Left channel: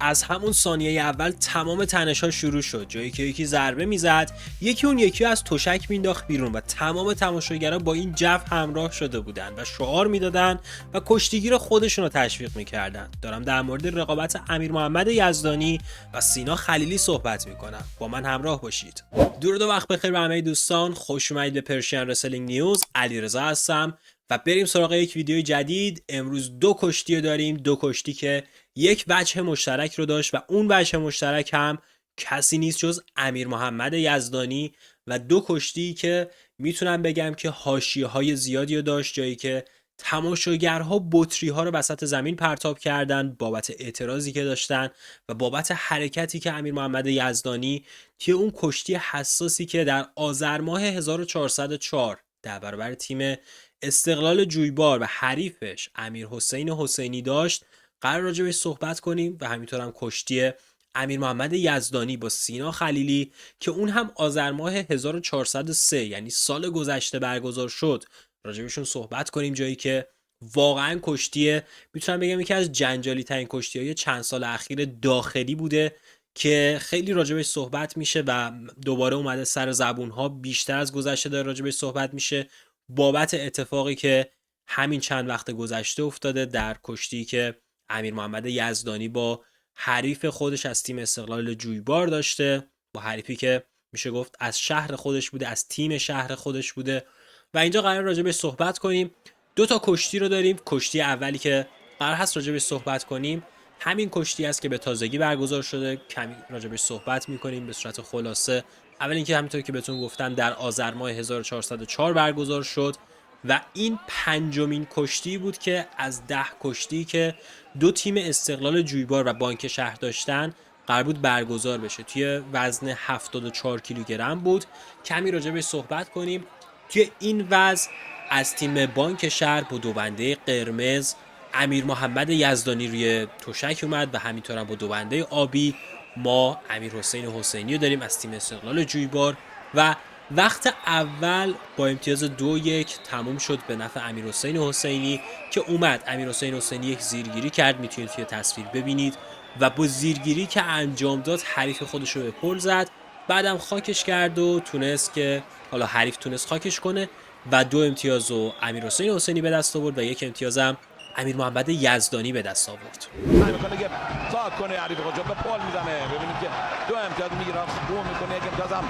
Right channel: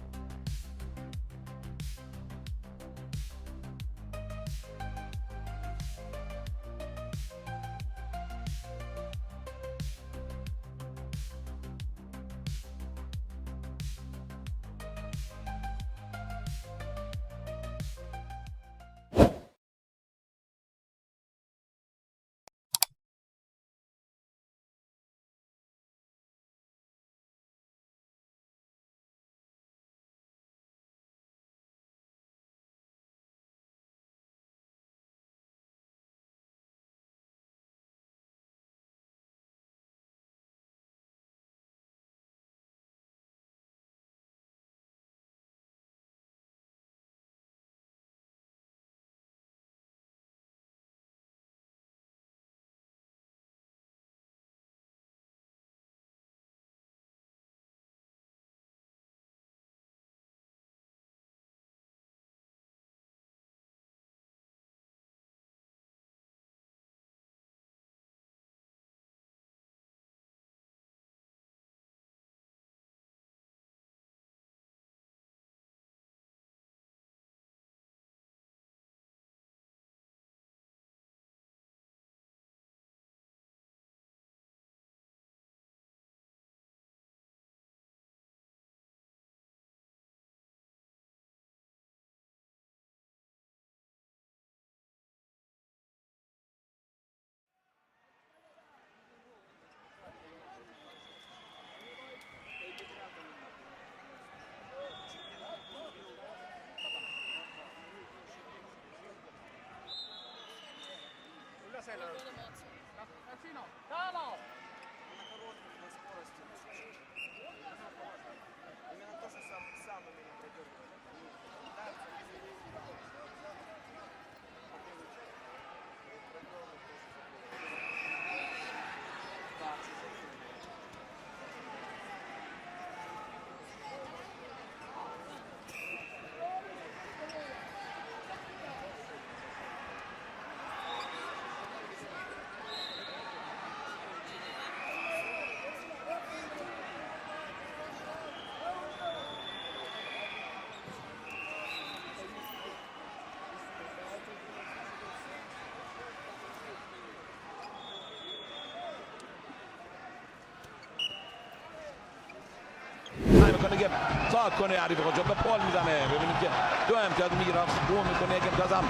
از همون ثانیه اول تمام تنش‌ها شروع شد، جایی که یکی ضربه میزد، یکی اون یکی از تشک مینداخت بیرون و تمام تماشاگرها با این جو همراه شده بودن و شعار میدادن و کشتیگیر خودشون رو تشویق میکردن. دارم در مورد رقابت امیر محمد یزدانی و سینا خلیلی صحبت میکنم. با من همراه باشید. درود و وقت بخیر به همه دوستان، خوش اومدید به پرشین رسلینگ نیوز. علیرضا هستم و بریم سراغ یک ویدیو جدید. امروز دو کشتی داریم، دو کشتی که یک وجه مشترک رو داشت و اون وجه مشترک هم کسی نیست جز امیر محمد یزدانی و دو کشتی که میتونم بگم که حاشیه‌های زیادی رو داشت، جایی که تماشاگرها بطری ها رو وسط زمین پرتاب کردن بابت اعتراضی که داشتن و بابت حرکتی که امیر محمد یزدانی توی اون کشتی حساسی که در آذر ماه 1404 در برابر تیم استقلال جویبار و حریفش امیر حسین حسینی داشت قرار راجع بهش صحبت کنیم و همینطور هم کشتی امیر محمد یزدانی با سینا خلیلی که اون هم آذر ماه 1403 یعنی سال گذشته برگزار شد راجع بهشون صحبت کنیم، جایی که واقعا کشتی میتونم بگم یکی از جنجالی ترین کشتی‌های چند سال اخیر داخلی بوده که خیلی راجبش صحبت میشه و دوباره اومده سر زبونها، بیشتر از گذشته داره راجبش صحبت میشه بابت اتفاقی که همین چند وقت گذشته افتاده در کشتی که امیر محمد یزدانی با حریف خودش از تیم استقلال جویبار داشته، با حریفی که میشه گفت از شهر خودش بوده، از تیم شهر خودش بوده و اینجا قرار راجبش صحبت کنیم. دو تا کشتی رو داریم. کشتی اولی که قرار هست راجبش صحبت کنیم همین کشتی است که به تازگی برگزار شده. کمی راجبش صحبت میکنیم به صورت خلاصه. اول اینکه همینطور که بهتون گفتم در آذر ماه 1404 برگزار شد و این پنجمین کشتی بود که از 10 کشتی که دو تیم استقلال جویبار و بانک شهر داشتن قرار بود برگزار بشه. توی وزن 74 کیلوگرم بود. کمی راجبش صحبت کنیم. توی این وزن از تیم بانک شهر با دوبنده قرمز امیر محمد یزدانی روی تشک اومد و همینطور هم با دوبنده آبی ما امیر حسین حسینی رو داریم از تیم استقلال جویبار و وقت اول با امتیاز 2-1 تموم شد به نفع امیر حسین حسینی که اومد. امیر حسین حسینی یک زیرگیری کرد، میتونید توی تصویر ببینید و با زیرگیری که انجام داد حریف خودش رو به پل زد، بعدم خاکش کرد و تونست که حالا حریف تونست خاکش کنه و 2 امتیاز رو امیر حسین حسینی به دست آورد و 1 امتیاز هم امیر محمد یزدانی به دست آورد. سعی میکنه که صاحب کنه حریف خودش به پل میزنه. ببینید که 2 امتیاز میگیره، بو میکنه، 1 امتیاز هم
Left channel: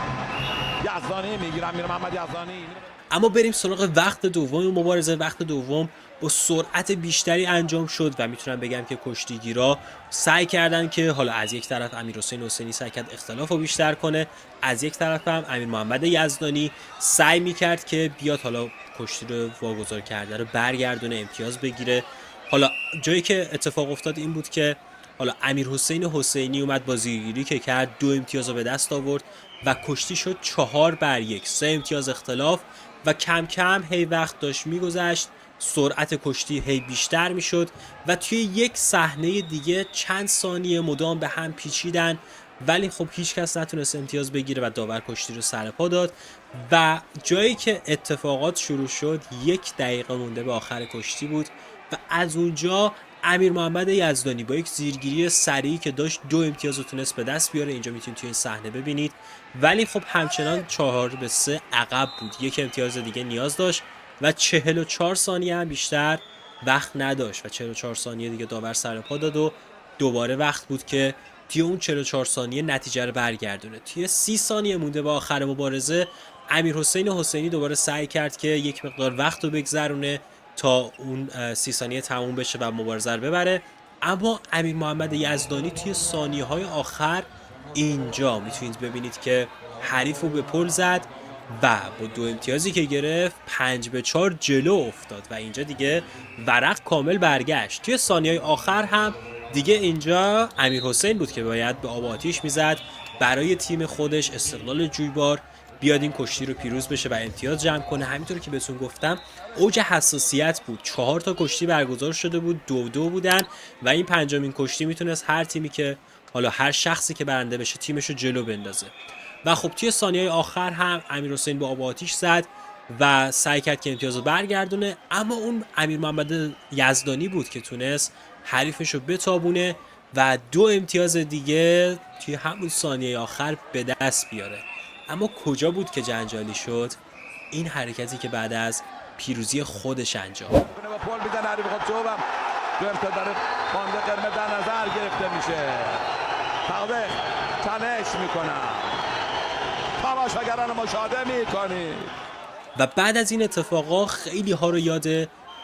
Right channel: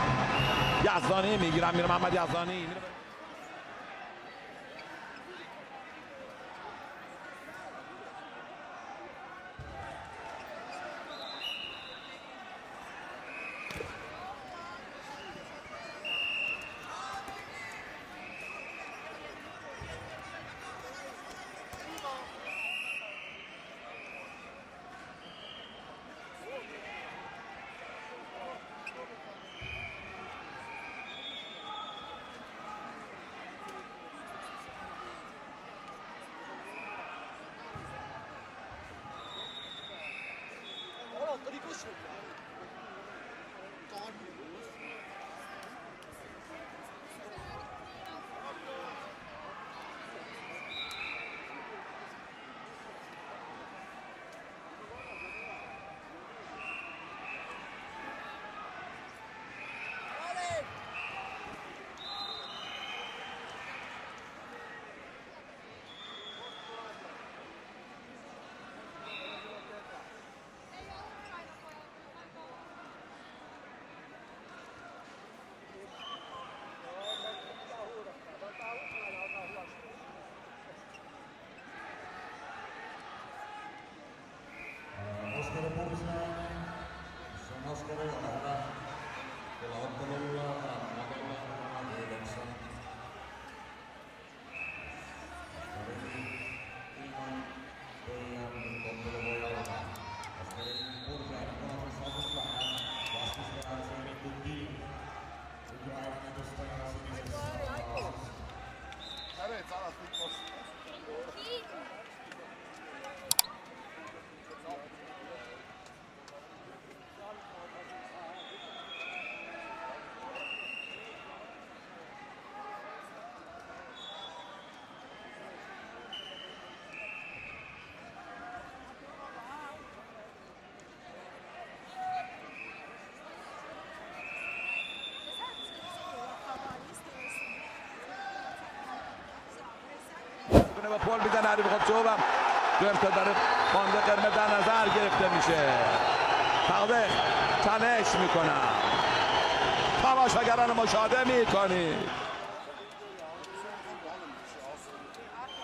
یزدانی میگیره، امیر محمد یزدانی. اما بریم سراغ وقت دوم مبارزه. وقت دوم با سرعت بیشتری انجام شد و میتونم بگم که کشتیگیرا سعی کردن که حالا از یک طرف امیر حسین حسینی سعی کرد اختلاف رو بیشتر کنه، از یک طرف هم امیر محمد یزدانی سعی میکرد که بیاد حالا کشتی رو واگذار کرده رو برگردونه، امتیاز بگیره. حالا جایی که اتفاق افتاد این بود که حالا امیر حسین حسینی اومد با زیرگیری که کرد 2 امتیاز رو به دست آورد و کشتی شد 4-1، 3 امتیاز اختلاف و کم کم هی وقت داشت میگذشت، سرعت کشتی هی بیشتر میشد و توی یک صحنه دیگه چند ثانیه مدام به هم پیچیدن ولی خب هیچ کس نتونست امتیاز بگیره و داور کشتی رو سر پا داد و جایی که اتفاقات شروع شد 1 دقیقه مونده به آخر کشتی بود و از اونجا امیر محمد یزدانی با یک زیرگیری سریعی که داشت 2 امتیاز رو تونست به دست بیاره. اینجا میتونید توی این صحنه ببینید ولی خب همچنان 4-3 عقب بود. 1 امتیاز دیگه نیاز داشت و 44 ثانیه هم بیشتر وقت نداشت و 44 ثانیه دیگه داور سر پا داد و دوباره وقت بود که توی اون 44 ثانیه نتیجه رو برگردونه. توی 30 ثانیه مونده به آخر مبارزه امیر حسین حسینی دوباره سعی کرد که یک مقدار وقت رو بگذرونه تا اون 30 ثانیه تموم بشه و مبارزه رو ببره، اما امیر محمد یزدانی توی ثانیه های آخر اینجا میتونید ببینید که حریف رو به پل زد و با 2 امتیازی که گرفت 5-4 جلو افتاد و اینجا دیگه ورق کامل برگشت. توی ثانیه آخر هم دیگه اینجا امیر حسین بود که باید به آب آتیش میزد برای تیم خودش استقلال جویبار بیاد این کشتی رو پیروز بشه و امتیاز جمع کنه. همینطور که بهتون گفتم اوج حساسیت بود، 4 تا کشتی برگزار شده بود، 2-2 بودن و این پنجمین کشتی میتونست هر تیمی که حالا هر شخصی که برنده بشه تیمش رو جلو بندازه و خب توی ثانیه آخر هم امیر حسین با آب آتیش زد و سعی کرد که امتیاز رو برگردونه، اما اون امیر محمد یزدانی بود که تونست حریفش رو بتابونه و 2 امتیاز دیگه توی همون ثانیه آخر به دست بیاره. اما کجا بود که جنجالی شد؟ این حرکتی که بعد از پیروزی خودش انجام کنه با پل میزنه حریف خودشو و دو امتیاز داره باند قرمز در نظر گرفته میشه. تقدیر تنش میکنم، تماشاگران مشاهده میکنید. و بعد از این اتفاقا خیلی ها رو یاد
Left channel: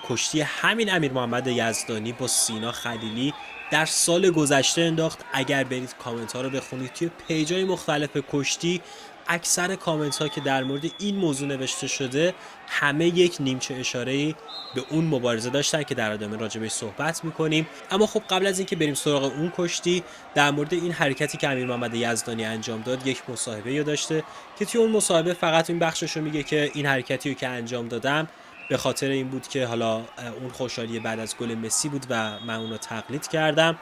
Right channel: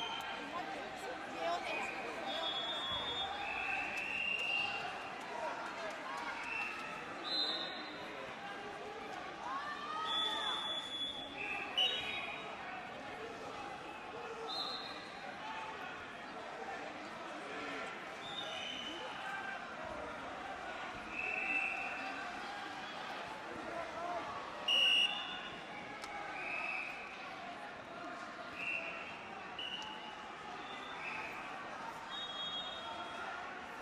کشتی همین امیر محمد یزدانی با سینا خلیلی در سال گذشته انداخت. اگر برید کامنت ها رو بخونید توی پیجای مختلف کشتی، اکثر کامنت ها که در مورد این موضوع نوشته شده همه یک نیمچه اشاره‌ای به اون مبارزه داشتن که در ادامه راجبش صحبت میکنیم. اما خب قبل از اینکه بریم سراغ اون کشتی، در مورد این حرکتی که امیر محمد یزدانی انجام داد یک مصاحبه داشته که توی اون مصاحبه فقط این بخشش رو میگه که این حرکتی رو که انجام دادم به خاطر این بود که حالا اون خوشحالی بعد از گل مسی بود و من اون رو تقلید کردم،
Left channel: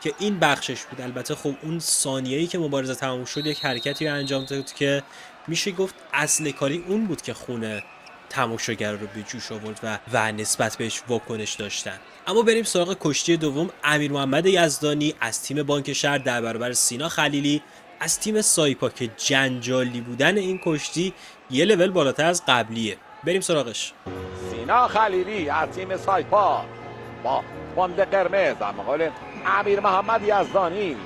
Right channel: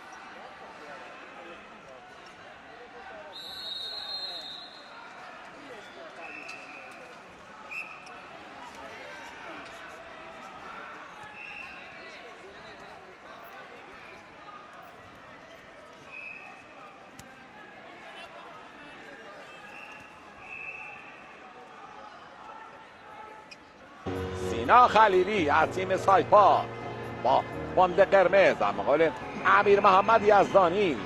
که این بخشش بود. البته خب اون ثانیه‌ای که مبارزه تموم شد یک حرکتی رو انجام داد که میشه گفت اصل کاری اون بود که خونه تماشاگر رو به جوش آورد و نسبت بهش واکنش داشتن. اما بریم سراغ کشتی دوم. امیر محمد یزدانی از تیم بانک شهر در برابر سینا خلیلی از تیم سایپا که جنجالی بودن این کشتی یه لول بالاتر از قبلیه. بریم سراغش. سینا خلیلی از تیم سایپا با باند قرمز در مقابل امیر محمد یزدانی.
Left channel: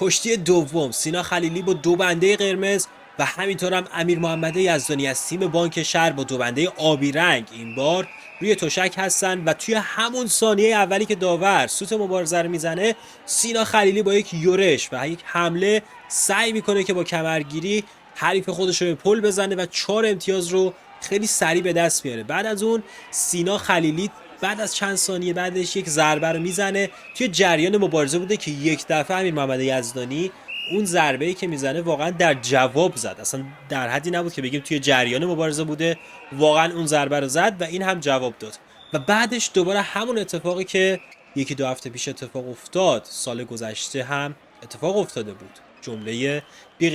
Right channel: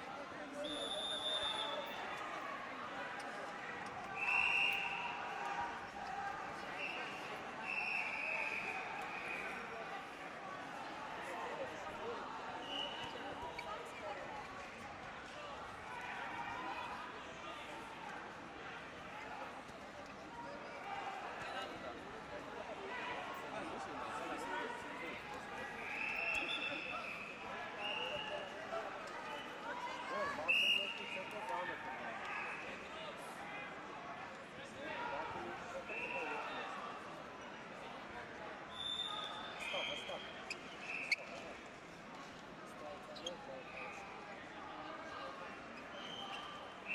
کشتی دوم، سینا خلیلی با 2 بنده قرمز و همینطور هم امیر محمد یزدانی از تیم بانک شهر با 2 بنده آبی رنگ این بار روی تشک هستن و توی همون ثانیه اولی که داور سوت مبارزه رو میزنه، سینا خلیلی با یک یورش و یک حمله سعی میکنه که با کمرگیری حریف خودش رو به پل بزنه و 4 امتیاز رو خیلی سریع به دست میاره. بعد از اون سینا خلیلی بعد از چند ثانیه بعدش یک ضربه رو میزنه. توی جریان مبارزه بوده که یک دفعه امیر محمد یزدانی اون ضربه‌ای که میزنه واقعا در جواب زد، اصلا در حدی نبود که بگیم توی جریان مبارزه بوده، واقعا اون ضربه رو زد و این هم جواب داد. و بعدش دوباره همون اتفاقی که 1-2 هفته پیش اتفاق افتاد سال گذشته هم اتفاق افتاده بود. جمله بی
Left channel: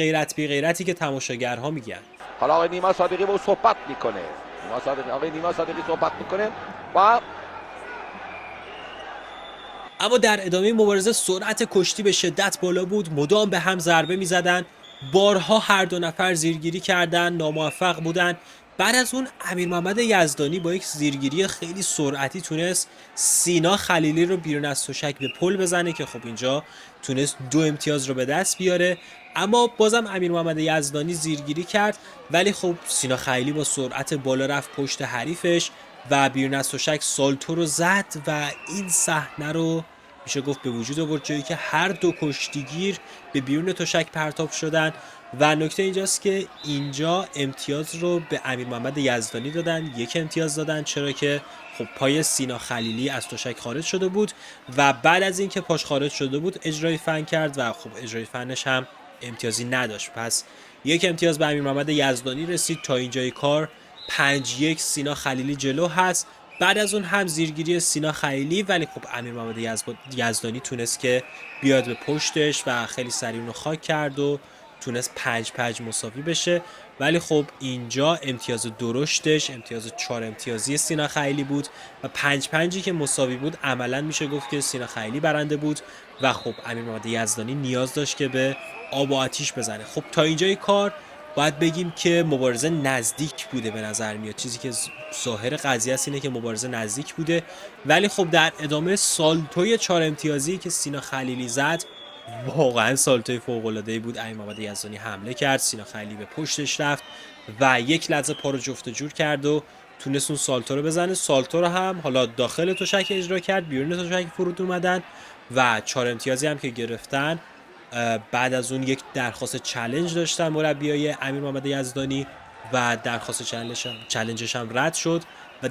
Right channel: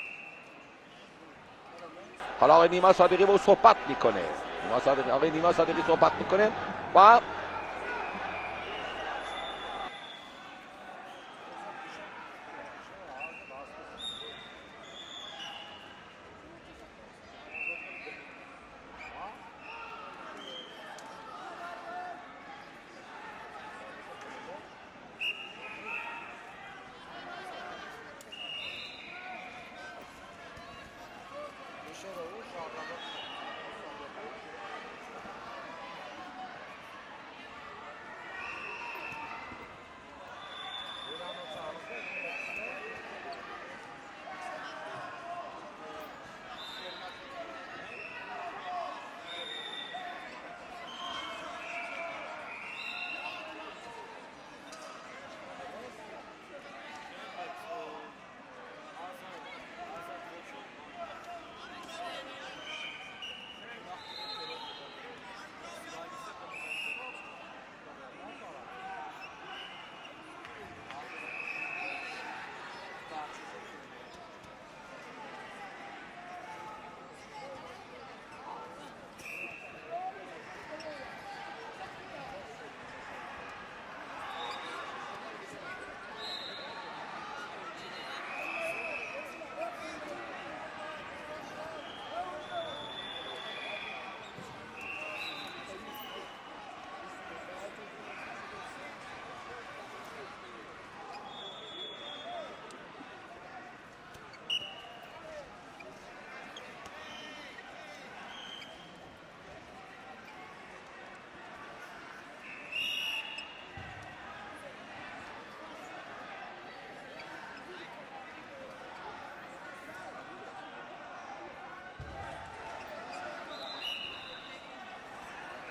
غیرتی که تماشاگرها میگن. حالا آقای نیما صادقی با صحبت میکنه. آقای نیما صادقی صحبت میکنه و اما در ادامه مبارزه سرعت کشتی به شدت بالا بود، مدام به هم ضربه می‌زدن، بارها هر دو نفر زیرگیری کردن، ناموفق بودن. بعد از اون امیر محمد یزدانی با یک زیرگیری خیلی سرعتی تونست سینا خلیلی رو بیرون از تشک به پل بزنه که خب اینجا تونست 2 امتیاز رو به دست بیاره. اما بازم امیر محمد یزدانی زیرگیری کرد، ولی خب سینا خلیلی با سرعت بالا رفت پشت حریفش و بیرون از تشک سالتو رو زد و این صحنه رو میشه گفت به وجود آورد، جایی که هر دو کشتیگیر به بیرون تشک پرتاب شدن. و نکته اینجاست که اینجا امتیاز رو به امیر محمد یزدانی دادن، 1 امتیاز دادن، چرا که خب پای سینا خلیلی از تشک خارج شده بود و بعد از اینکه پاش خارج شده بود اجرای فن کرد و خب اجرای فنش هم امتیازی نداشت. پس 1 امتیاز به امیر محمد یزدانی رسید. تا اینجای کار 5-1 سینا خلیلی جلو هست. بعد از اون هم زیرگیری سینا خلیلی، ولی خب امیر محمد یزدانی تونست که بیاد به پشتش و خیلی سریع اونو خاک کرد و تونست 5-5 مساوی بشه. ولی خب اینجا امتیاز درشتش امتیاز 4 امتیازی سینا خلیلی بود و 5-5 که مساوی بود عملا میشه گفت که سینا خلیلی برنده بود و خب امیر محمد یزدانی نیاز داشت که به آب و آتیش بزنه. خب تا اینجای کار باید بگیم که مبارزه نزدیک بوده به نظر میاد. چیزی که ظاهر قضیه است اینه که مبارزه نزدیک بوده، ولی خب در ادامه سالتوی 4 امتیازی که سینا خلیلی زد واقعا سالتوی فوق‌العاده‌ای بود. امیر محمد یزدانی حمله کرد، سینا خلیلی به پشتش رفت و یک لحظه پا رو جفت جور کرد و تونست اون سالتو رو بزنه. سالتو رو هم حالا داخل تشک اجرا کرد، بیرون تشک فرود اومدن و 4 امتیازی هم که گرفتن. بعد از اون یک درخواست چالش داشتن مربیای امیر محمد یزدانی و درخواست چالشش هم رد شد و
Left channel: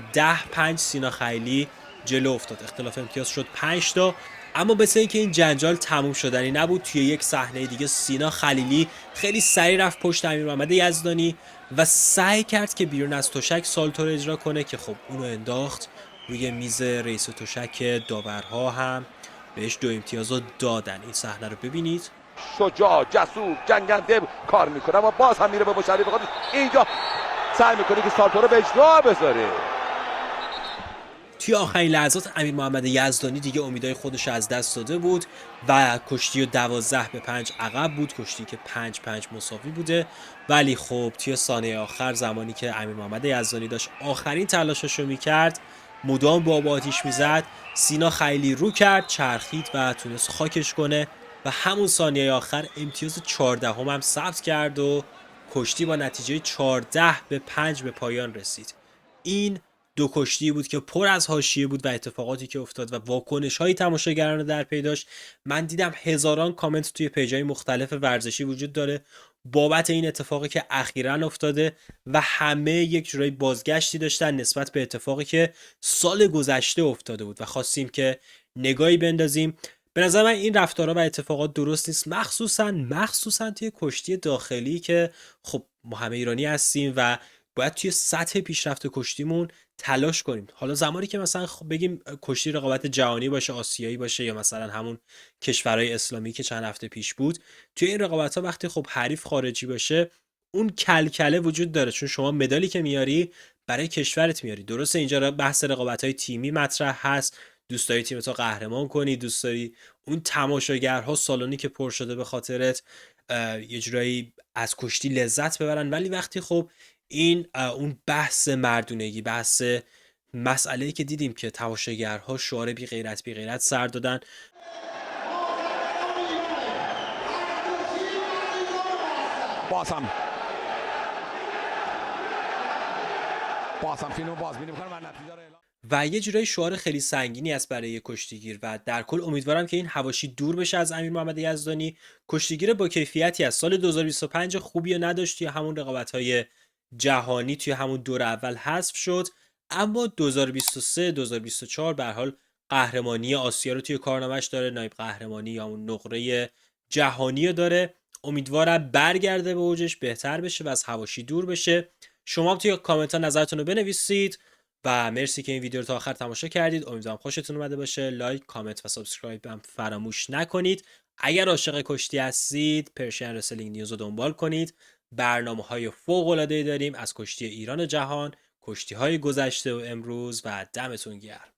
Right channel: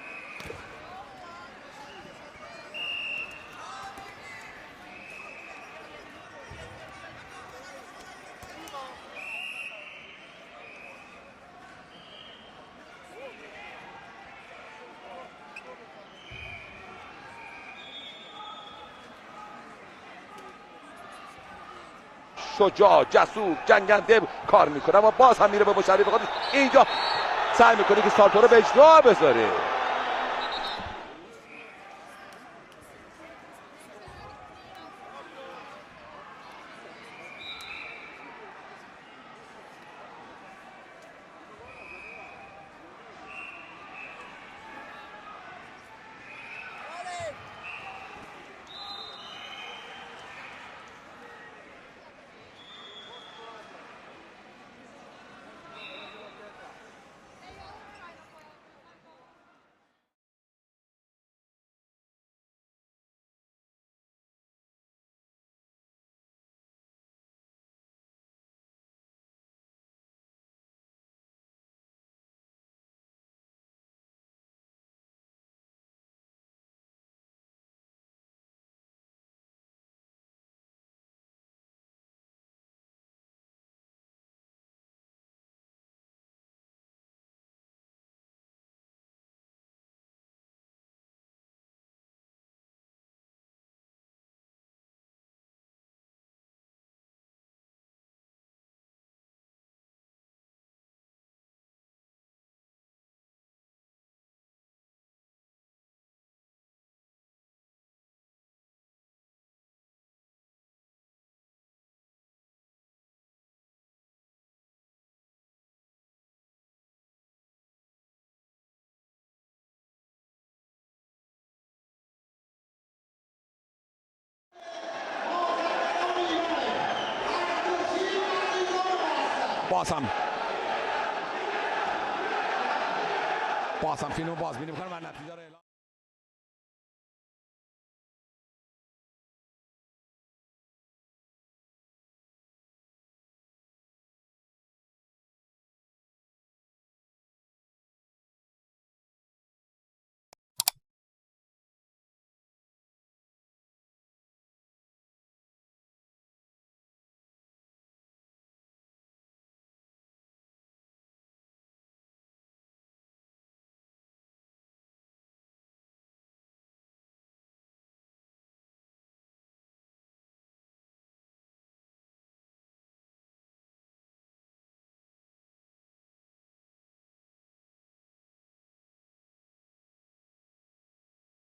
10-5 سینا خلیلی جلو افتاد. اختلاف امتیاز شد 5 تا. اما مثل اینکه این جنجال تموم شدنی نبود، توی یک صحنه دیگه سینا خلیلی خیلی سریع رفت پشت امیر محمد یزدانی و سعی کرد که بیرون از تشک سالتو رو اجرا کنه که خب اونو انداخت روی میز رئیس تشک. داورها هم بهش 2 امتیاز رو دادن. این صحنه رو ببینید. شجاع، جسور، جنگنده کار میکنه و باز هم میره به مشرف خودش. اینجا سعی میکنه که سالتو رو به اجرا بذاره. توی آخرین لحظات امیر محمد یزدانی دیگه امیدهای خودش از دست داده بود و کشتی رو 12-5 عقب بود، کشتی که 5-5 مساوی بوده. ولی خب توی ثانیه آخر زمانی که امیر محمد یزدانی داشت آخرین تلاشش رو میکرد، مدام با آتیش میزد، سینا خیلی رو کرد، چرخید و تونست خاکش کنه و همون ثانیه آخر امتیاز 14 هم ثبت کرد و کشتی با نتیجه 14-5 به پایان رسید. این دو کشتی بود که پر از حاشیه بود و اتفاقاتی که افتاد و واکنش های تماشاگران رو در پی داشت. من دیدم هزاران کامنت توی پیجای مختلف ورزشی وجود داره بابت این اتفاقی که اخیراً افتاده و همه یک جورایی بازگشتی داشتن نسبت به اتفاقی که سال گذشته افتاده بود و خواستیم که نگاهی بندازیم. به نظر من این رفتارها و اتفاقات درست نیست، مخصوصا توی کشتی داخلی که خب ما همه ایرانی هستیم و باید توی سطح پیشرفت کشتیمون تلاش کنیم. حالا زمانی که مثلا بگیم کشتی رقابت جهانی باشه، آسیایی باشه، یا مثلا همون کشورهای اسلامی که چند هفته پیش بود، توی این رقابت ها وقتی خب حریف خارجی باشه اون کلکله وجود داره، چون شما مدالی که میاری برای کشورت میاری. درسته اینجا بحث رقابت های تیمی مطرح هست، دوست داری تیمت رو قهرمان کنی، دوست داری اون تماشاگرها سالونی که پر شده به خاطرت یه جورایی از کشتی لذت ببرن. ولی وقتی خب این اون بحث مردونگی، بحث مسئله‌ای که دیدیم که تماشاگرها شعار بی غیرت سر دادن. بازم فیلمو بازبینی می‌کنم و نتیجه رو اعلام. و یه جورایی شعار خیلی سنگینی است برای کشتیگیر و در کل امیدوارم که این حواشی دور بشه از امیر محمد یزدانی. کشتیگیر با کیفیتی از سال 2025 خوبی رو نداشت، توی همون رقابت‌های جهانی توی همون دور اول حذف شد، اما 2023 2024 به هر حال قهرمانی آسیا رو توی کارنامه‌اش داره، نایب قهرمانی یا اون نقره جهانی رو داره. امیدوارم برگرده به اوجش، بهتر بشه و از حواشی دور بشه. شما هم توی کامنت ها نظرتون رو بنویسید و مرسی که این ویدیو رو تا آخر تماشا کردید. امیدوارم خوشتون اومده باشه. لایک، کامنت و سابسکرایب هم فراموش نکنید. اگر عاشق کشتی هستید پرشین رسلینگ نیوز رو دنبال کنید. برنامه‌های فوق‌العاده‌ای داریم از کشتی ایران و جهان، کشتی‌های گذشته و امروز و دمتون گرم.